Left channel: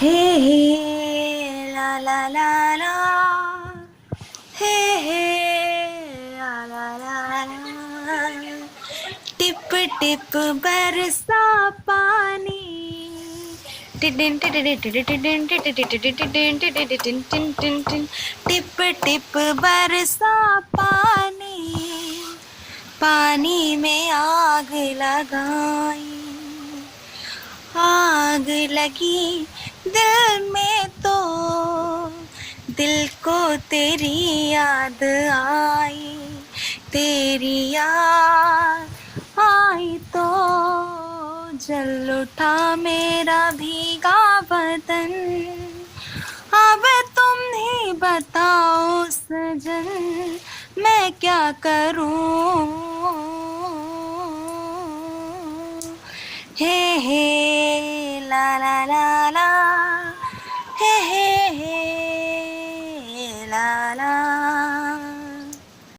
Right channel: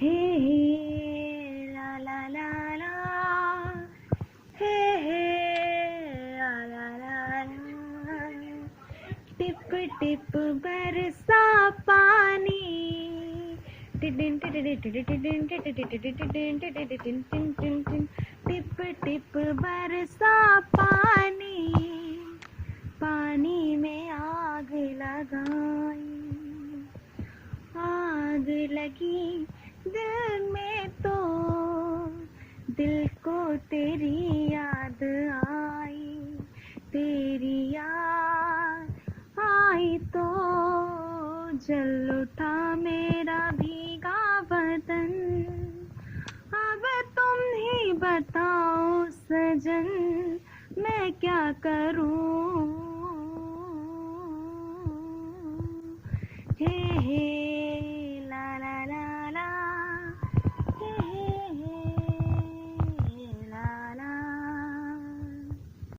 हे हे ला ला ला ला, हे हे ला ला ला ला, tip tip बरसा पानी, टिडिन टिडिन टिडिन टिडिन टिडिन tin, tip tip बरसा पानी, पानी में आग लगाई, आग लगी दिल में तो दिल को तेरी याद आई, तेरी याद आई तो जल उठा मेरा भीगा बदन, अब तुम ही बताओ सजन मैं क्या करूं, हे हे ला ला ला ला, हे ला ला